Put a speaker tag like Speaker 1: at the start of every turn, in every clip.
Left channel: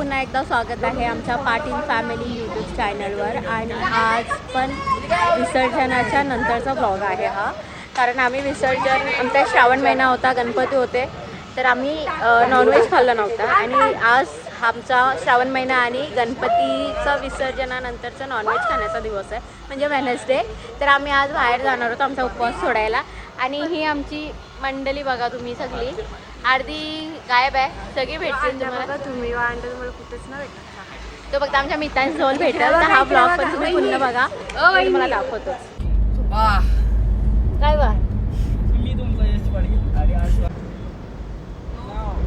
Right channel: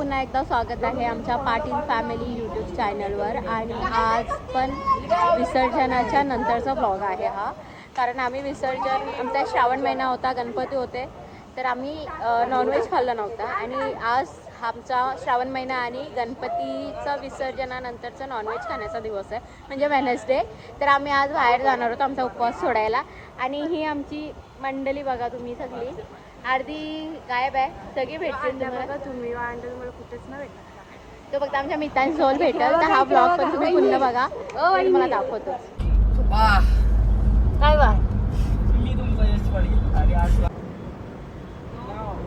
Speaker 1: पुन्हा एकदा स्वागत आहे आमच्या पाटील फॅमिली यूट्यूब चॅनलवर आणि आज पण विसर्जनाच्या नंतरचा ब्लॉग आहे हा. कारण आम्ही विसर्जन आमचा श्रावण महिना होता गणपती होते तर आम्ही नॉनव्हेज खाल्लं नव्हतं. आणि आज आमचा श्रावण महिना आणि गणपतीचं विसर्जनानंतरचा नॉनव्हेज खाण्याचा दिवस आहे. म्हणजे वेनसडे तर आम्ही आज बाहेर जाणार होतो आमचा उपवास सोडायला. आणि ही आमची मंडळी बघा तुम्ही सगळी. अर्धी गायब आहे. सगळी भेटतील तुम्हाला.
Speaker 2: तुम्ही वांड तुम्हाला कुठेच ना भेटत
Speaker 1: तो फक्त आमच्या मित्रांनी जवळ भेटेल तर हा ब्लॉग पण तुम्ही पुन्हा बघा. मी तुम्हाला दाखवतो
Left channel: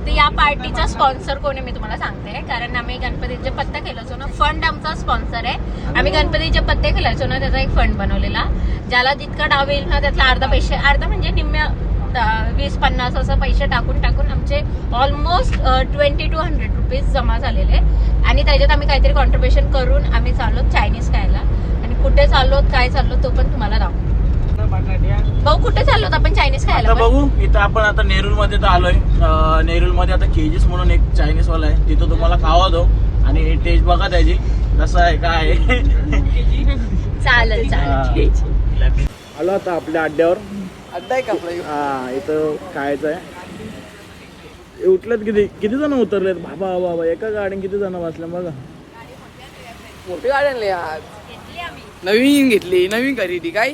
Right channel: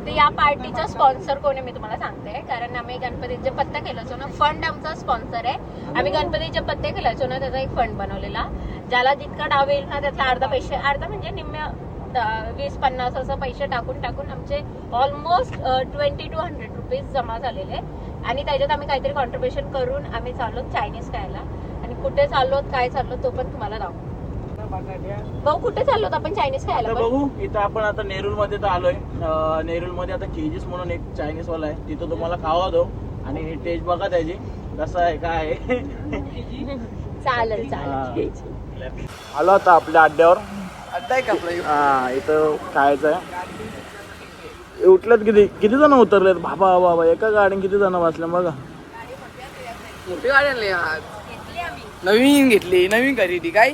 Speaker 1: तर या पार्टीचा स्पॉन्सर कोण आहे मी तुम्हाला सांगते. कारण आम्ही गणपतीचे पत्ते खेळायचो ना फंड आमचा स्पॉन्सर आहे. आम्ही गणपतीचे पत्ते खेळायचो ना त्याचा एक फंड बनवलेला. ज्याला जितका डाव येईल ना त्यातला अर्धा पैसे अर्धा म्हणजे निम्म्या वीस पन्नास असं पैसे टाकून टाकून आमचे almost twenty two hundred rupees जमा झालेले. आणि त्याच्यात आम्ही काहीतरी कॉन्ट्रीब्युशन करून आम्ही चाललो चायनीज खायला. आणि कुठे चाललो काय चाललो तो पण तुम्हाला दाखवू. भाऊ कुठे चाललो आपण चायनीज खायला?
Speaker 3: बघू इथं आपण आता नेरूळमध्ये तर आलोय. अं, नेरूळमध्ये आता केजीस म्हणून एक चायनीज वाला आहे. तिथं तुम्हाला खावा दो आणि टेस्ट बघा त्याची कसं आहे काय आहे.
Speaker 1: चालेल चालेल.
Speaker 3: आलो आता आपल्या अड्ड्यावर.
Speaker 2: अड्डा आहे का आपला?
Speaker 3: हा इथं खायचं आहे. उठल्यात किती? किती जण उतरलेत? बाबा बाबा एका गाडीत किती जण बसले? बघा.
Speaker 2: मोठी गाडी आणली आज. नवीन घेतली नवीन खरेदी काय?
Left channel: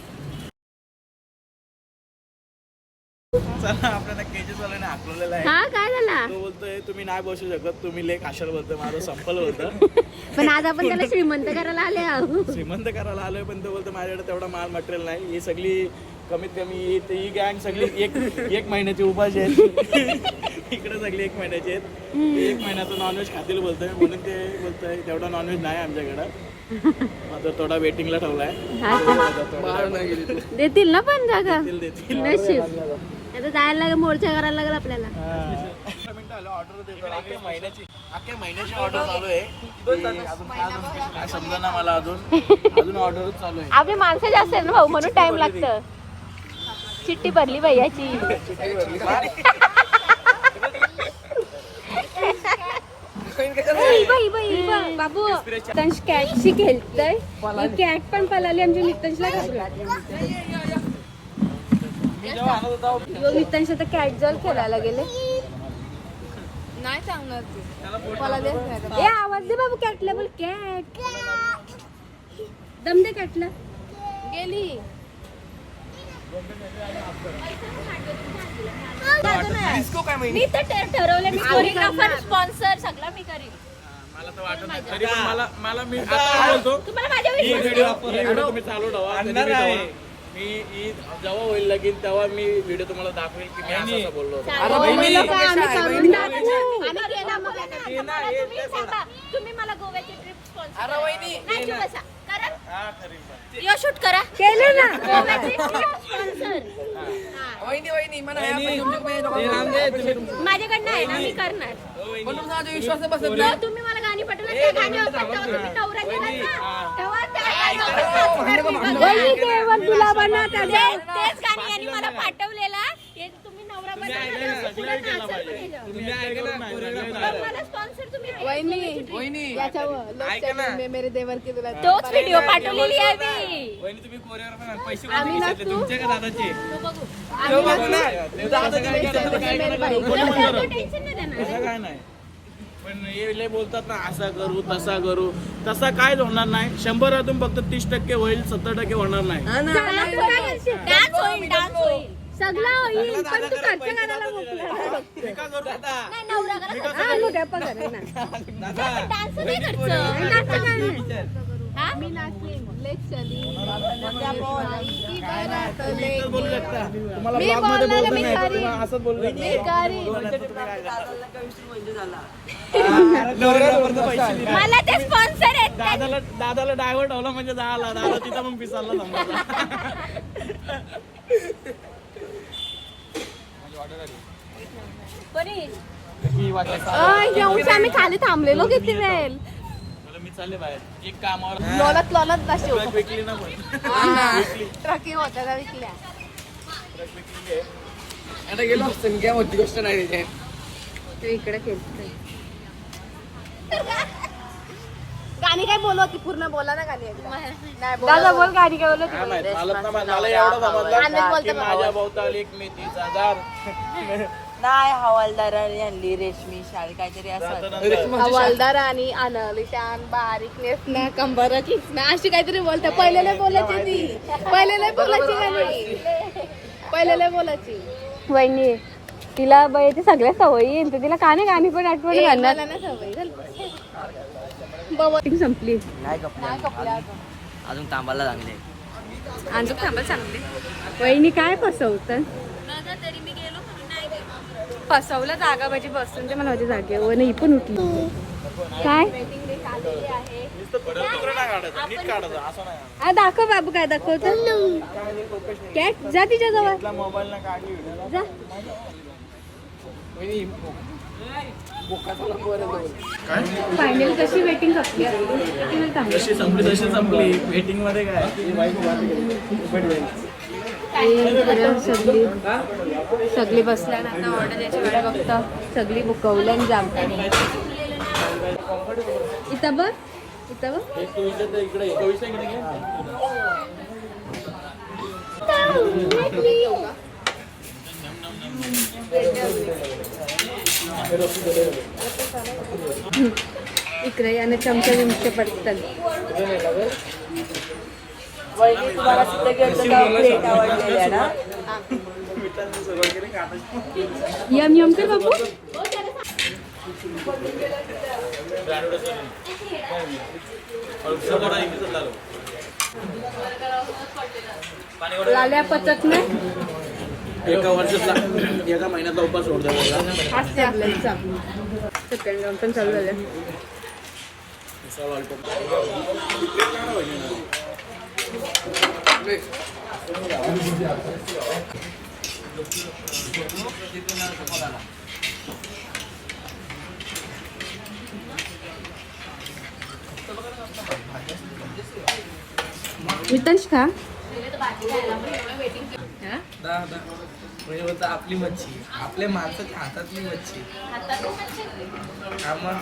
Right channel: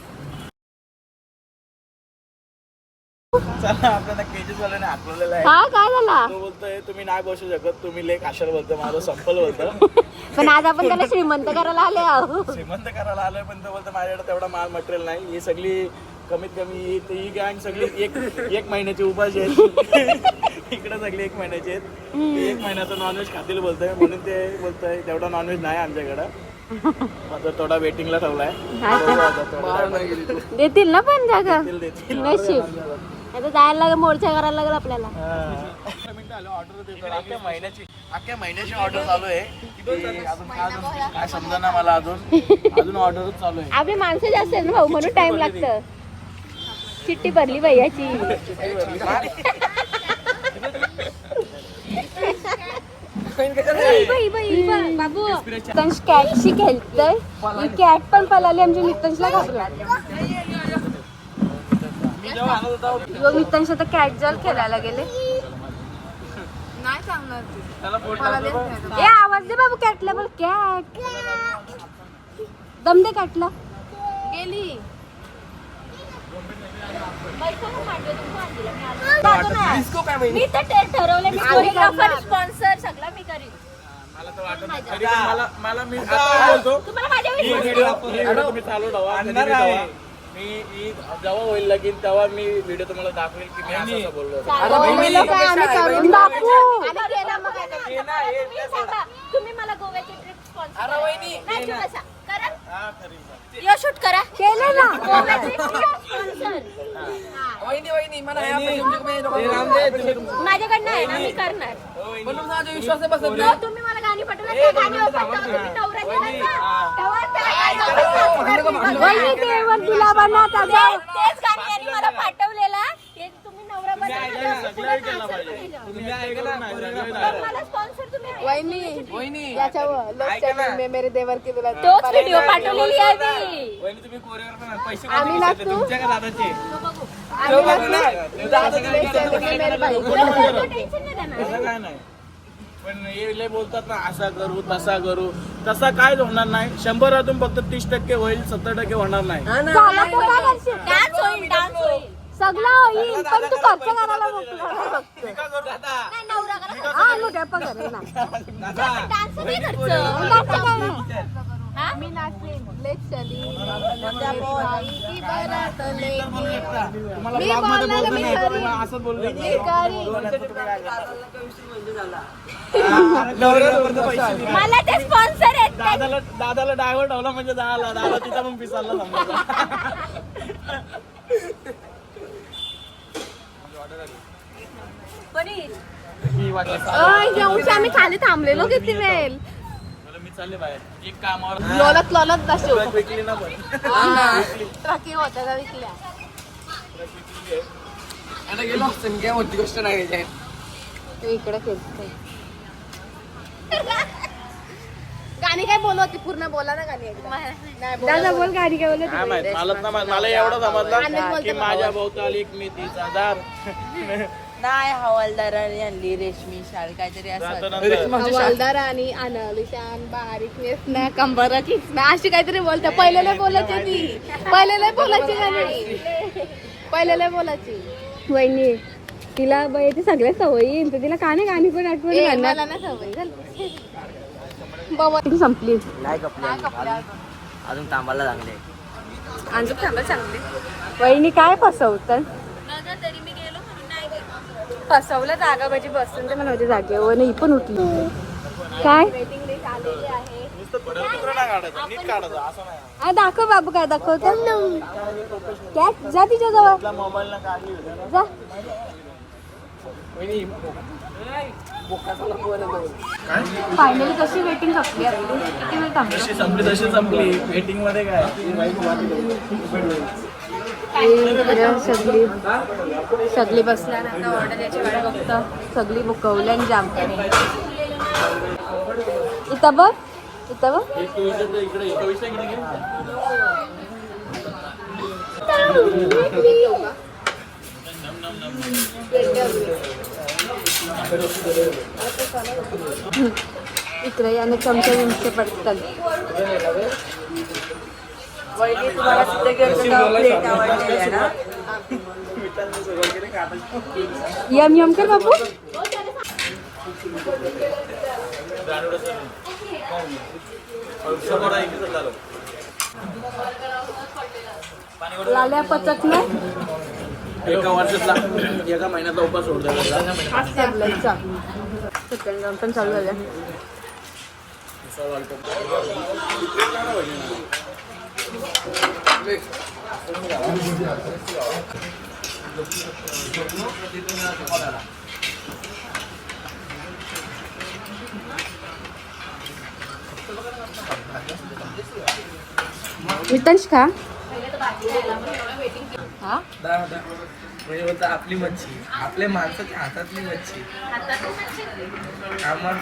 Speaker 3: चला आपल्याला केजीस वाल्याने हाकलवलेलं आहे.
Speaker 1: हा काय झाला?
Speaker 3: तो बोलतोय तुम्ही नाही बसू शकत तुम्ही लेख आशाला बोलतोय माझं संपल होतं.
Speaker 1: पण आज आपण त्याला श्रीमंत करायला आले आहो.
Speaker 3: श्रीमंत करायला आलोय पण तो बोलतो माझ्याकडे तेवढा माल मटेरियल नाही. ही सगळी कमीत कमी ही ही गँग सगळी एक एक महिन्याची उपाशी आहेत. इकडे सगळी एक महिन्याची आहेत. ते एक महिन्याचं नॉनव्हेज खातील बोलतोय. म्हणून ते बोलतोय तेवढा नॉनव्हेज नाही आमच्याकडं. आता थोडा वेटिंगला ठेवलाय. time.
Speaker 1: देतील ना पण जागा. नशीब. आता जायला लागेल मोर्चा करायला लागेल आपल्याला.
Speaker 3: ऑर्डर देतो अख्ख्या महिन्याची अख्ख्या महिन्याची ऑर्डर चालू आहे. समजा ना मला अजून. अजून ऑर्डर चालू आहे.
Speaker 1: आम्ही माणसं जास्त आहेत ना भाऊ म्हणून टाइम लागतं. चिठ्ठी भरली भैयाची बाबू कॅटशी खेळतय. कॅट पण पळाली आमची नितंशला घाबरला नितंश आता कॅट जॉल खेळायला गेले.
Speaker 2: नाही सांगणार.
Speaker 1: ए आवाज दे बाबू कॅटला बघ कॅट दम दे कॅटला
Speaker 2: गेली. डिस्को काय महिने
Speaker 1: मी तर ते ठरवले मी स्पॉन्सर सगळं मी करीन.
Speaker 3: मला तर वाटत नाही. तरी पण मला मला मी आता बोलतो.
Speaker 1: तुम्हाला माझ्या
Speaker 3: ही व्हिडिओ ही व्हिडिओ तुम्ही चालू ठेवा. कधी बी ठेवा. मी ही जेव्हा होईल लगीन तेव्हा मी व्हिडिओ तुम्हाला दाखवेल की मी असं असं बोललो होतो.
Speaker 1: बोललेलो काय आम्ही करून दाखवू. आणि केलं मग आता. तुम्ही सांगा, तुम्ही मला गोव्याची ट्रिप स्पॉन्सर नाही तू बसा.
Speaker 3: हा.
Speaker 1: यो शूट करा केलं ना माझ्याकडनं आहे ना मी करणार
Speaker 2: म्हणून माझा विश्वास आहे बसत
Speaker 1: जेव्हा तुम्ही मला गाणी पाठवणार त्या गाणी तेव्हा तुम्ही नवरा दिला ना तेव्हा तेच गाणी यांनी मला पाठवलेला हे
Speaker 2: वहिनी
Speaker 4: मेरे देवर की तुला
Speaker 1: तोच व्हिडिओ पाठवलेली आहे मी
Speaker 3: वहिनी, तुम्ही. पैसे
Speaker 4: आम्ही.
Speaker 3: तुमच्या का दादाचे?
Speaker 4: मेरे भाई.
Speaker 1: टेन्शन नाही.
Speaker 3: नाही. पण हे बोलतात ना असा करू तसा करू. तसा काय होणार नाही. शंभरातून फक्त तीस टक्के होईल सत्तर टक्के होणार नाही
Speaker 1: झालं तर काय करशील? डान्स होईल डान्स होईल पण तू.
Speaker 3: मी
Speaker 1: हा. हा?
Speaker 4: लेट चली मी बोलणार, मी मी
Speaker 1: मला ते स्पॉन्सर आहेत
Speaker 3: दादाला दादाला डायव्हर ठेवला म्हणजे झाला दादा तिथं पण पिसाला समजा
Speaker 4: येऊन आम्ही खाली थांबलेलो किती वेळ
Speaker 3: मी चालले बाहेर. एक कामावर.
Speaker 4: लोलत लोलत बसलो.
Speaker 3: विकली ना पण.
Speaker 4: ट्रकिंग होता विकल्या.
Speaker 2: आता गेलो गोष्ट नाही
Speaker 4: इकडे खेचते गाणी काय बोलवती पूर्ण बोला ना गाणी एकदा. नाही
Speaker 1: दादा
Speaker 4: बोला.
Speaker 1: बोल गाडी काय बोलत
Speaker 3: माहीत मला तर मा- मला एवढं समजलं
Speaker 4: आनंद बोलतो
Speaker 3: की
Speaker 4: बाबा.
Speaker 3: माझ्या भोवताली एक मेथीचा हजार
Speaker 5: नाही हवालदार आणली रेशमी शाल काहीतरी असं.
Speaker 3: त्याच्यानंतर
Speaker 4: हवालदार आणि अनलिशान बारीक नेसणं कंबर किसणं अशी काहीतरी बोलते. पहिले लय बोलायची ती. पहिले लय बोलायची गाणी. पहिले लय बोलायची.
Speaker 1: वहिनी तिला बाईची सगळ्या सवयी तर तिला का नाही गाणी पण आठवण
Speaker 4: ए,
Speaker 1: घालणार?
Speaker 4: मला ना सवय झाली. बाबा.
Speaker 1: ती संपली?
Speaker 5: नाही कपले अजून अजून तांबाला लागले.
Speaker 4: आणि थांबा चांगली.
Speaker 1: वहिनी काय फसवतात? फसवलं जागा पाहिजे बसून तर माझ्या जागेवर नाही पण उठली. काय? दाखव बाबू काय दाखवतो. कॅट जा तिच्या जवळ. फायनल कशी वेटिंग
Speaker 3: जशी संपली तशी संपली. वेटिंगमध्ये काय?
Speaker 1: सगळी सगळी बसल्या आता ऑर्डर याची वाट बघतो. सगळी बुकवली आणि जाम इथं बघ इथं बघ.
Speaker 3: इकडे?
Speaker 1: इकडे याने चमचे चमचे पडतात. यम यम कर बाबू औषध पचकल्या
Speaker 3: एका वर्षातला एका महिन्याचा उपास
Speaker 1: सोडतो चालू सेकंड राऊंड पण चालू मितंश का?
Speaker 2: म्हणजे बोलता आपली मच्छी. आपल्या माणसाच्या हातातली मच्छी. मग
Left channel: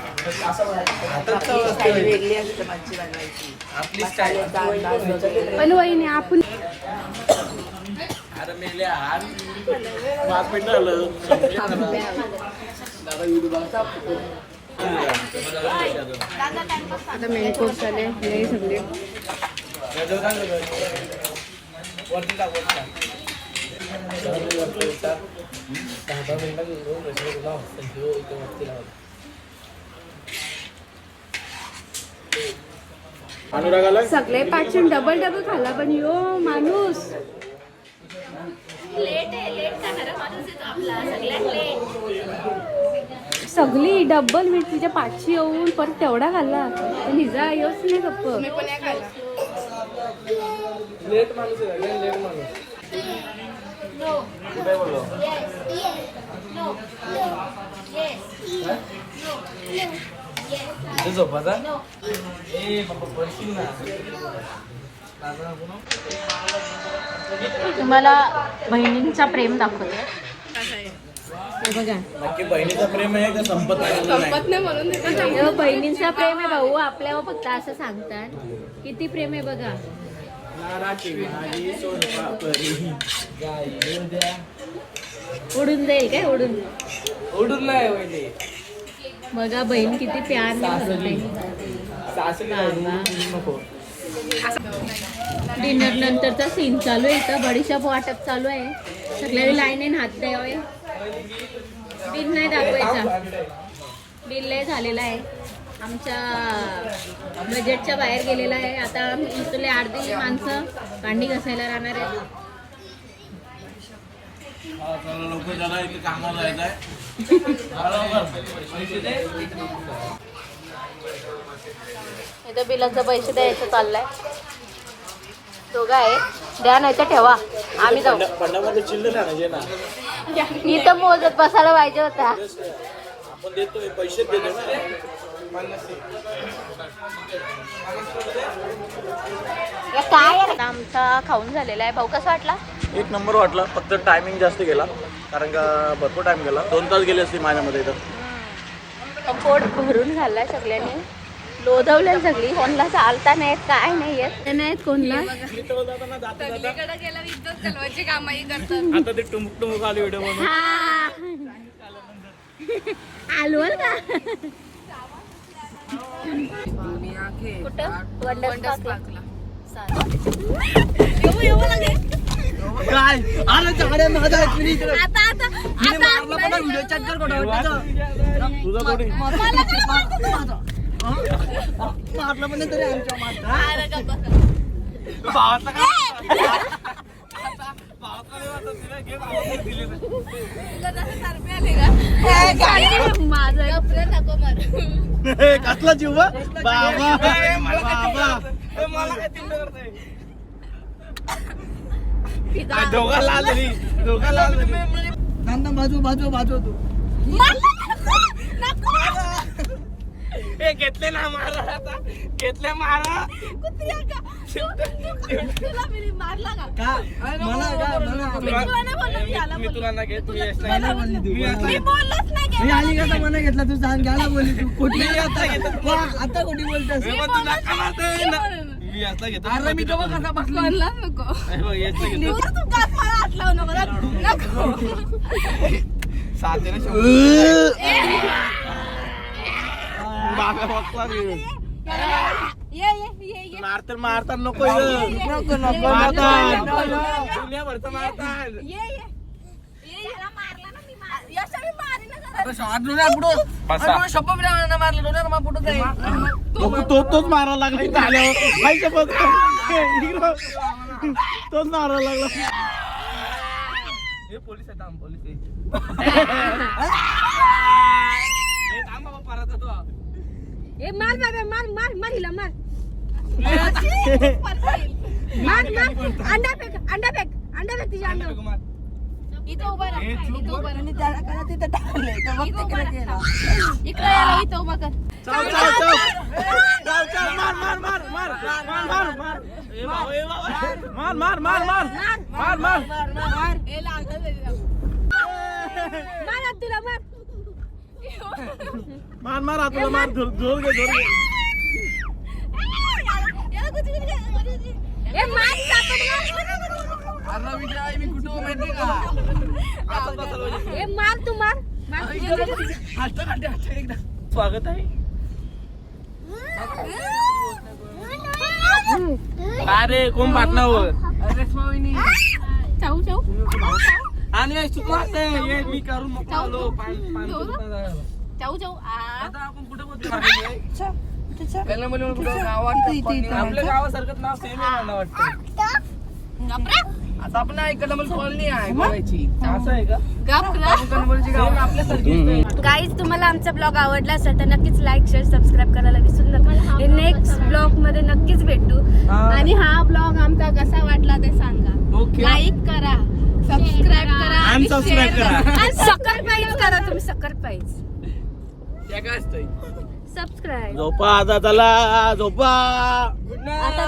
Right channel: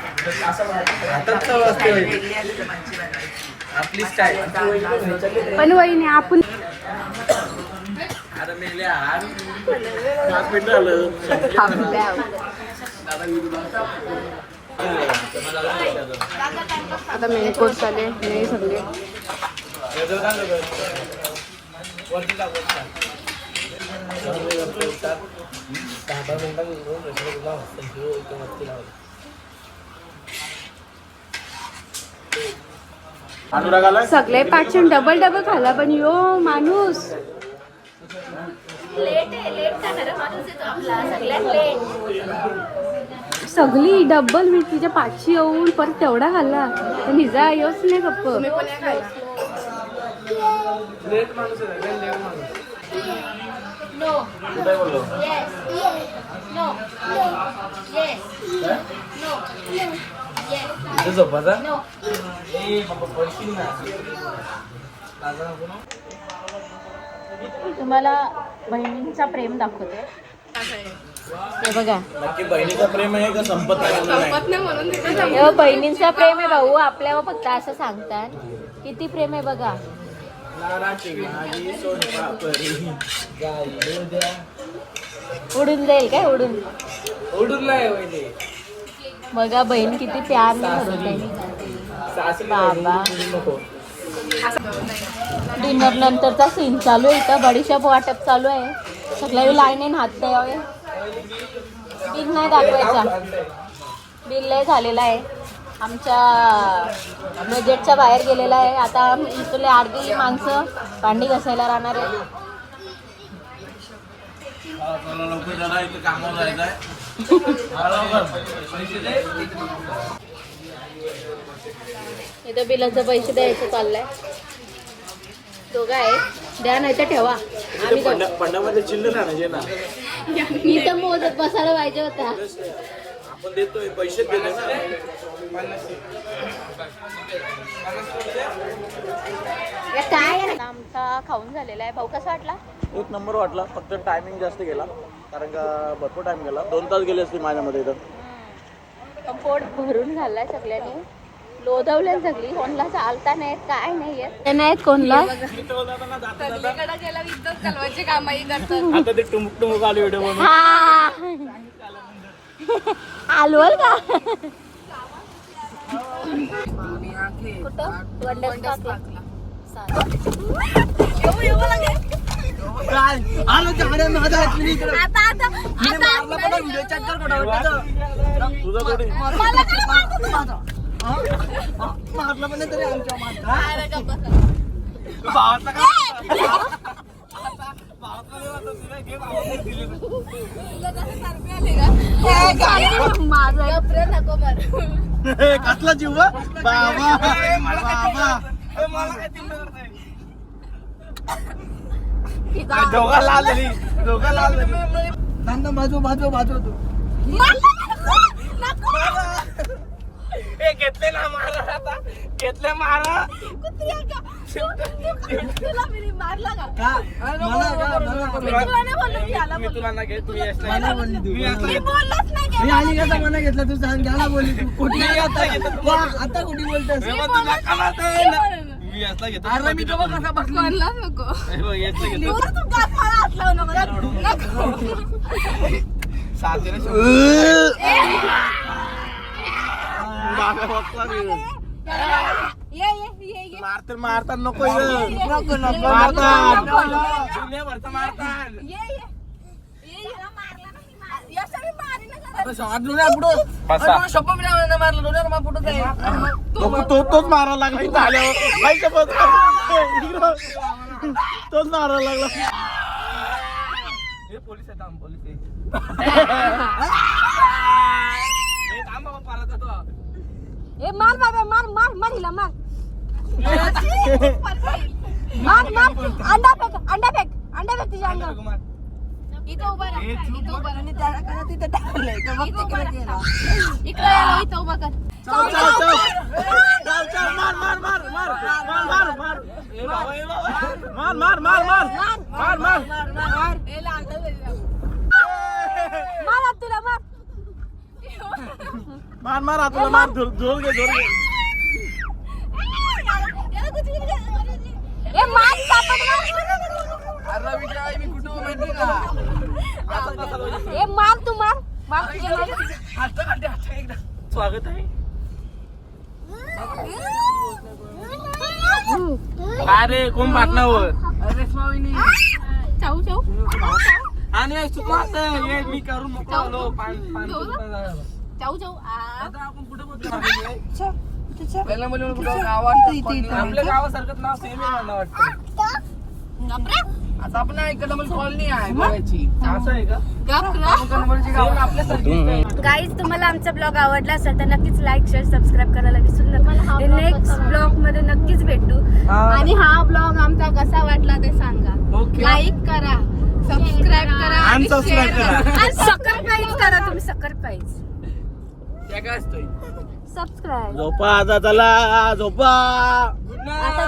Speaker 2: हातात चव असते वहिनी. आपली स्टाईल
Speaker 1: पण वहिनी आपण
Speaker 3: अरे मेले हार. पाच मिनिट झालं
Speaker 1: आता मेन कोर्स आले सगळे.
Speaker 2: वरती टाक वरती टाक. दहा दहा
Speaker 1: सगळे पाचशे डबल डबल खाला पण. यो माणूस. सगळी डबल मिरचीच्या पाचशे येऊन परत तेवढा खाल्ला. पण हिजा योच नाही गप्प.
Speaker 4: तुम्ही पण या खायला
Speaker 2: लेट माणूस आहे, लय लेट माणूस.
Speaker 3: काय बोललो
Speaker 2: इथे झोपायचा? ए, बाबा, पडशील ना. लागलं नको ना.
Speaker 1: तुम्हाला बहिणींचा प्रेम दाखवते हे बघा.
Speaker 3: नक्की बहिणीचं प्रेम आहे का संपत आलेलं नाही?
Speaker 4: संपत नाही म्हणून तिथं
Speaker 1: हे बहिणींचा प्रेम आहे भाऊ. आपल्यावर फक्त असं सांगतात. किती प्रेम आहे बघा. उडून जाईल काय? उडून
Speaker 2: उडून नाही वहिनी.
Speaker 1: बघा बहीण किती बाबा.
Speaker 2: नको.
Speaker 1: डिनर नंतरचा सीन चालू आहे इथं. बडीशॉप वाटप चालू आहे. सगळ्या लाईन आहे हात द्यावे बिल नाही दाखवायचा. बिल लय झालेला आहे. आमच्या बजेटच्या बाहेर गेलेला आहे. आता इथले अर्धी माणसं भांडी घसायला राहणार आहे
Speaker 3: इथे
Speaker 1: बिलाचं पैसे द्यायचं चाललंय. दोघं आहे. द्या नाही तर ठेवा. आम्ही जाऊ.
Speaker 3: ना.
Speaker 1: इथं मोजत बसायला पाहिजे होता.
Speaker 3: आपण देतोय पैसे देतोय ना
Speaker 1: या काय आहे? आमचा खाऊन झालेला आहे. भाऊ कसा वाटला?
Speaker 3: एक नंबर वाटला. फक्त टायमिंग जास्त गेला. कारण का भरपूर टाइम गेला. दोन तास गेले असते माझ्यामध्ये इथं.
Speaker 1: पोट भरून घालला सगळ्यांनी. लोधवल्या सगळी. कोणला चालता नाही येत, काय नाही येत नाही आहेत कोणला
Speaker 4: सगळीकडे गेला इज्जत घालवायची कामही करतात.
Speaker 3: आता ते टुमुक टुमुक आले व्हिडिओ
Speaker 1: हा. आलवल का? कुठं? वंडर पार्कला.
Speaker 3: काय
Speaker 4: आता आता
Speaker 3: तुझं कोणी
Speaker 4: माझं गप्रे नको मर
Speaker 3: कसला जीव बाबा बाबा दोघा लाल झाली दोघा लाल झाली बाजू बाजू बाजू तू ए घेतले ना मारा आता. घेतले मारा
Speaker 4: मारला का?
Speaker 3: मला का? मला
Speaker 4: तुला नाही बोललो मी याला
Speaker 3: मी तुला ना घेत तू
Speaker 4: मला बोललो. मी बोललोच नाही.
Speaker 6: मी
Speaker 4: गेला.
Speaker 6: आणि कसा मना घेतला तू सांग द्यायला बोलली तू. कुठे
Speaker 3: आता? घेतो
Speaker 6: आता कुठे बोलतोस
Speaker 3: ना. मी घेतो
Speaker 6: अरे मी तो कसा बसला.
Speaker 3: हे बघ, घेतो
Speaker 4: तू
Speaker 3: मारतात मारतात नको
Speaker 4: नको, नको.
Speaker 3: मारतात मारतात तो तो तोच मारायला लागला. इथं आल्यावर. तोच मारायला लागला. हे पोलीस आहे पोलीस आहे. बाबा परत येतो.
Speaker 1: ए मार बाबा मार मार मार हिला मार मार मार अंडा फेक अंडा फेक अंडा फेक तिच्या अंगावर
Speaker 3: मार.
Speaker 4: इथं उभा राहा इथं उभा राहा
Speaker 6: त्याला काय तिथे टाकलंय तर मग
Speaker 4: इथं
Speaker 6: ते
Speaker 4: उभा
Speaker 6: केलं केलं.
Speaker 4: राहा. इकडं याला इथं उभा कर
Speaker 3: चाल, चाल, चाल. मार, मार, मार, मार, मार, मार, मार, मार. ए बाबा, ए बाबा. मार, मार, मार, मार. मार, मार.
Speaker 4: हे लागलं तरी.
Speaker 1: मार तुला मार
Speaker 3: मार, मार, हाताला मार. धुर- धुर घे, धुर घे.
Speaker 6: अरे विजय मी कुठं माहिती का
Speaker 3: आता तसं लावलं.
Speaker 1: ए मार तू मार मार
Speaker 6: हात काढते हात एकदा.
Speaker 3: स्वागत आहे. अरे कोण पाटणावर
Speaker 6: अरे स्वामीनी
Speaker 3: आणि तू पाहत ये मी करून मोकळा आलो रुपये झालं.
Speaker 4: चाऊ चाऊ आ.
Speaker 3: आता आपण कुठं बोलतो?
Speaker 6: पहिला मुली गावात इथे इथे
Speaker 3: आपल्या गावासारखं नाव सेम आहे मला वाटतं.
Speaker 6: आता आपण ऐकलं मला कॉलनी आहे करायची
Speaker 3: असं आहे का?
Speaker 4: गपरा
Speaker 3: सेम आपल्यासारखीच आहे.
Speaker 1: गाईज तुम्हाला आमचा ब्लॉग आवडला असेल तर नक्कीच लाईक शेअर सबस्क्राईब करायला विसरू नका. नेक्स्ट ब्लॉगमध्ये नक्कीच भेटू.
Speaker 4: आणि हा ब्लॉग आमचा कसा वाटला ते सांगा.
Speaker 3: ओके
Speaker 4: लाईक करा सबस्क्राईब करा आणि share
Speaker 3: करा.
Speaker 1: आणि सकर पाईज करा. तुम्ही
Speaker 3: त्या काय असतंय?
Speaker 1: सबस्क्राईब
Speaker 3: झोपा आता चला झोपा.
Speaker 1: आता